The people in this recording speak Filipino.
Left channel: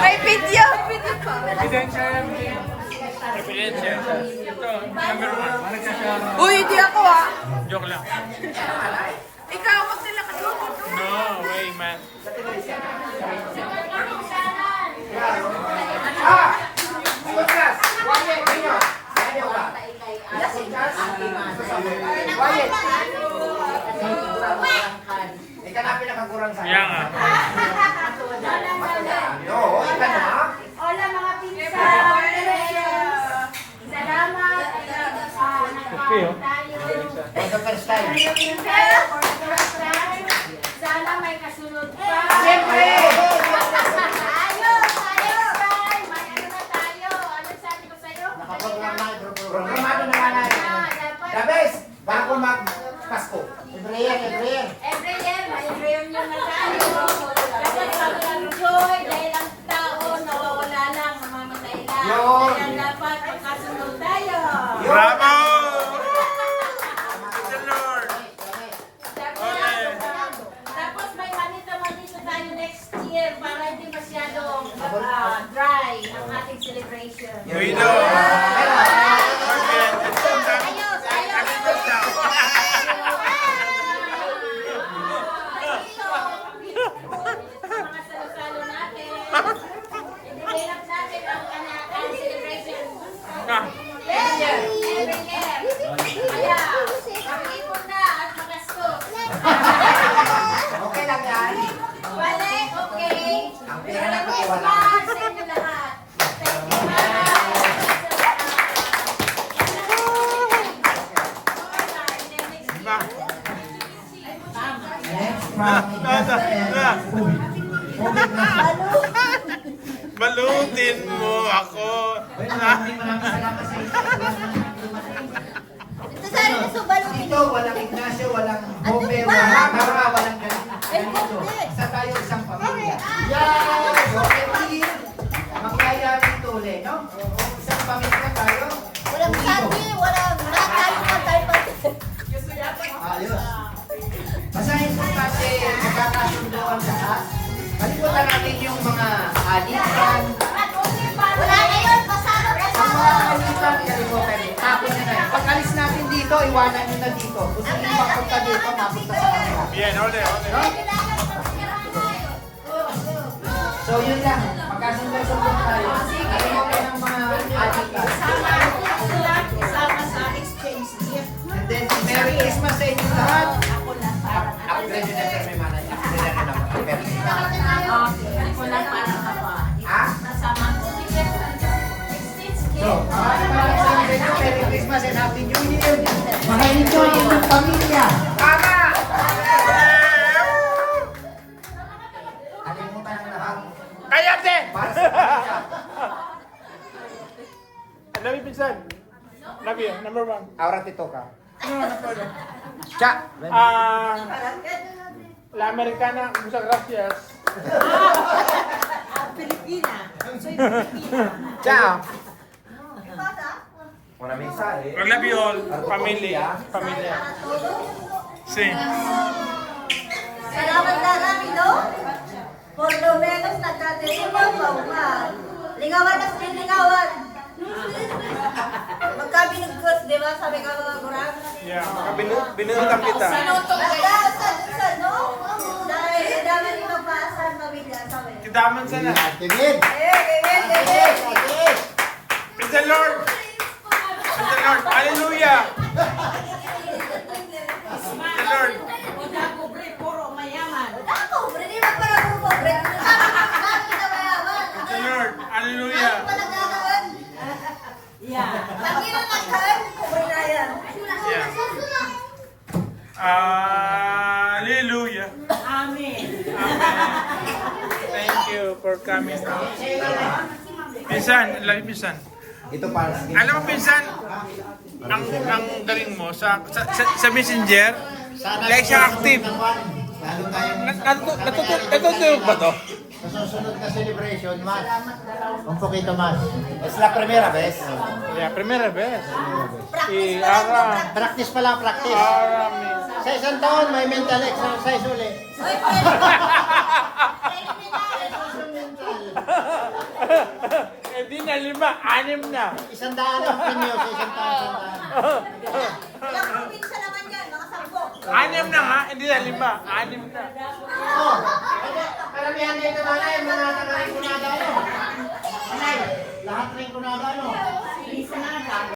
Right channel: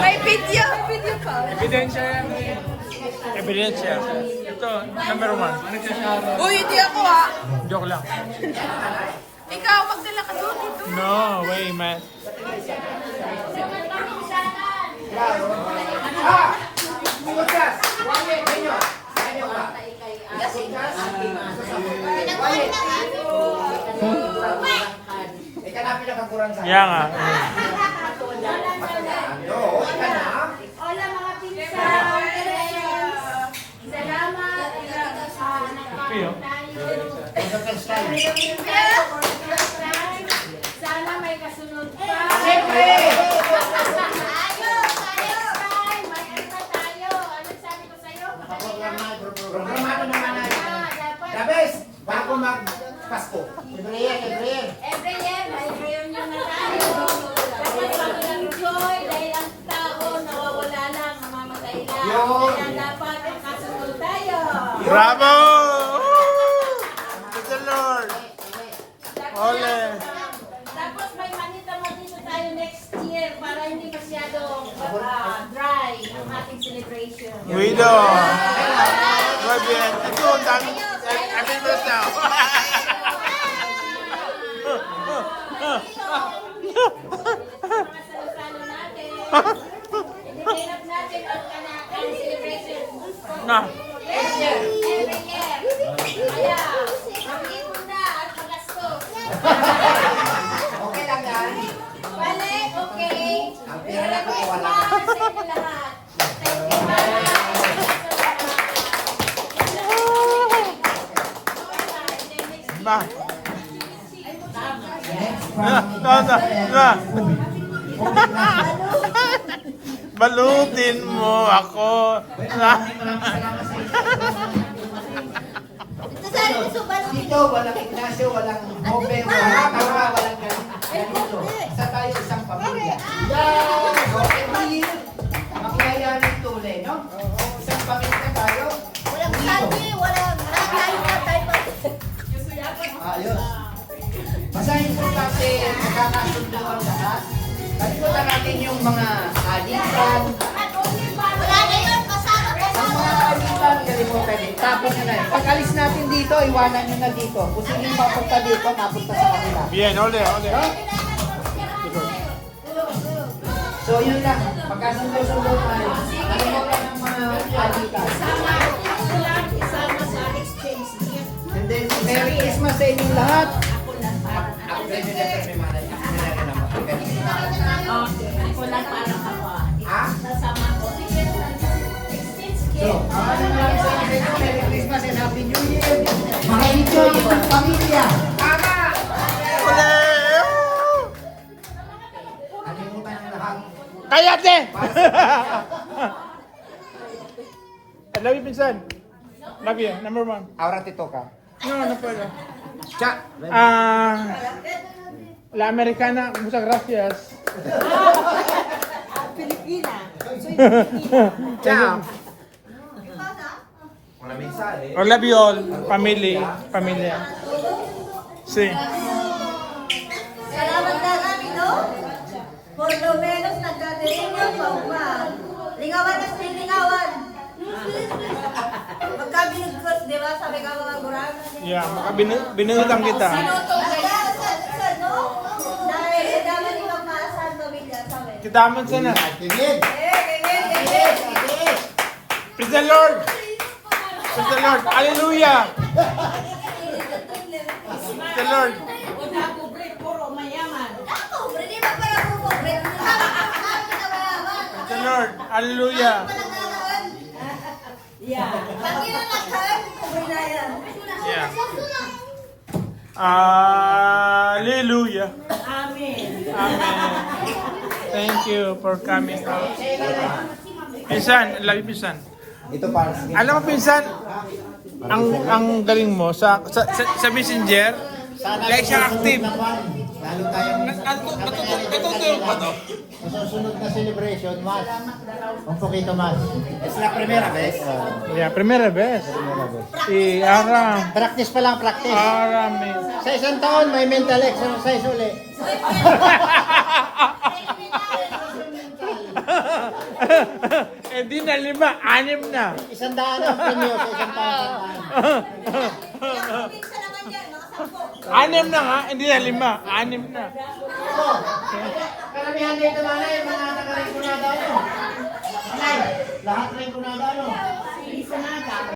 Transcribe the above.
May video. Ebidensya yan. Ebidensya. Ito, number 1. Nagsasara. Uy, hindi ako ah. Joke lang. Ikaw, magdala ka doon dito. No way, man. Kaya nga. Hola mga pinsan! Salamat! Kape, oh. Sana may kasunod pa. Siyempre! Tayo! Next time! May ano na tayo? Ano sabi ko sa'yo? Programado naman natin. Dapat The best! Bago mag-Pasko. Every year. every year may reunion na tayo. Dapat mag-enjoy dahil ang tao nawawala lang, mamamatay lang. Yun. Kaya dapat magkasunod tayo. Bravo! Praise the Lord! Tapos may manita-manita tayo next year para hindi masyado dry ang ating celebration. Guido! Ito, kami ba siya? Mga salo-salo natin. Hinihirap natin ang celebration. Na. Every year. Kaya, mag-ipon na at magastos. Okay lang yan. Balik, okay? Ang Merry pera na Christmas wala. sa inyo lahat. Thank you, Ma. Next Na. Balutin mo ako. Na. Dito, walang Ignacio, walang Bobe, walang Kara, walang ganito. Isa tayo isang pamilya. So, every year, makiyayanin tuli, no? Isang pamilya tayo. Walang sabi, walang nakain pa tayo pa. Ayos. Masahin po kasi magkakasundo ang lahat. At ito na natin yung mga alitan. Wala na yun, pasarap na Ang mga alitan, kaya mo pwede. Tapos na yan. Pag alis natin dito, iwanan nyo na dito. Kung sino yung mapunta dito, mapunta sa kanila. Bien, ole. No? So yun lang. Magkasundo-sundo tayo. Alam mo lang ang mga alitan. Sama sa exchange gift. And then, Merry Christmas sa inyong lahat. Ako pwede na sa may manay. Ako na rin ang pwede. Ako lang para ka pa. Ha? Kasama ko. Sige, exchange So, gift. Merry Christmas and Happy New Year. Mag-enjoy itong pamilya. Tama! Kalimutan ang lahat. Kayate! Para sa pamilya. Love you, pinsan. Love you, number 1. Ahora te toca. Cha. La Americana, muchas gracias. Pilipina. Ciao. Una mensaje. I love you all. Familia. Familia. Sí. Salamat na namin, no? Por lo menos nagkatiripan pa uman. Lingawan at lingawan. Magka binugkos, di ba? Sabi ka mga gurang. Yeah. Binulang kita. Sinutong kayo. No? Dahil dami rin magpaasahan pamilya, sabi. Kidamin ka na. Tingin. Praise the Lord. Praise the Lord. Hallelujah. Praise the Lord. Una pobre, puro mayaman. Ako, hindi magpala po po. Dami na mayaman. Praise the Lord. Hallelujah. Palagagawan. Yeah. Panginoon nagkaan, kumain na yan. Yeah. Hallelujah. Amen. Thank you for coming out. Pinsan, love you, pinsan. Ito para sa Alam mo, pinsan, ang galing mo sa Messenger, like siya active. Lalo tayong Natutulog ba to? sa susunod na celebration, mas. Un poquito más. Es la primera vez. Yeah, primera vez. Y ahora, Practice pa lang, practice. ahora Sa isang taon, may mental exercise ulit. Uy, preliminary. Mental. Hindi na 5, 6 na. 100 ang premyo sa isang taon, 100. Ilang probinsya naman yan, mga 10. 6 na nga, hindi na 5. 6 na. Oo. Karamihan dito nanay, mga taga-rin kunada ano. Nanay, lahat rin kunada ano.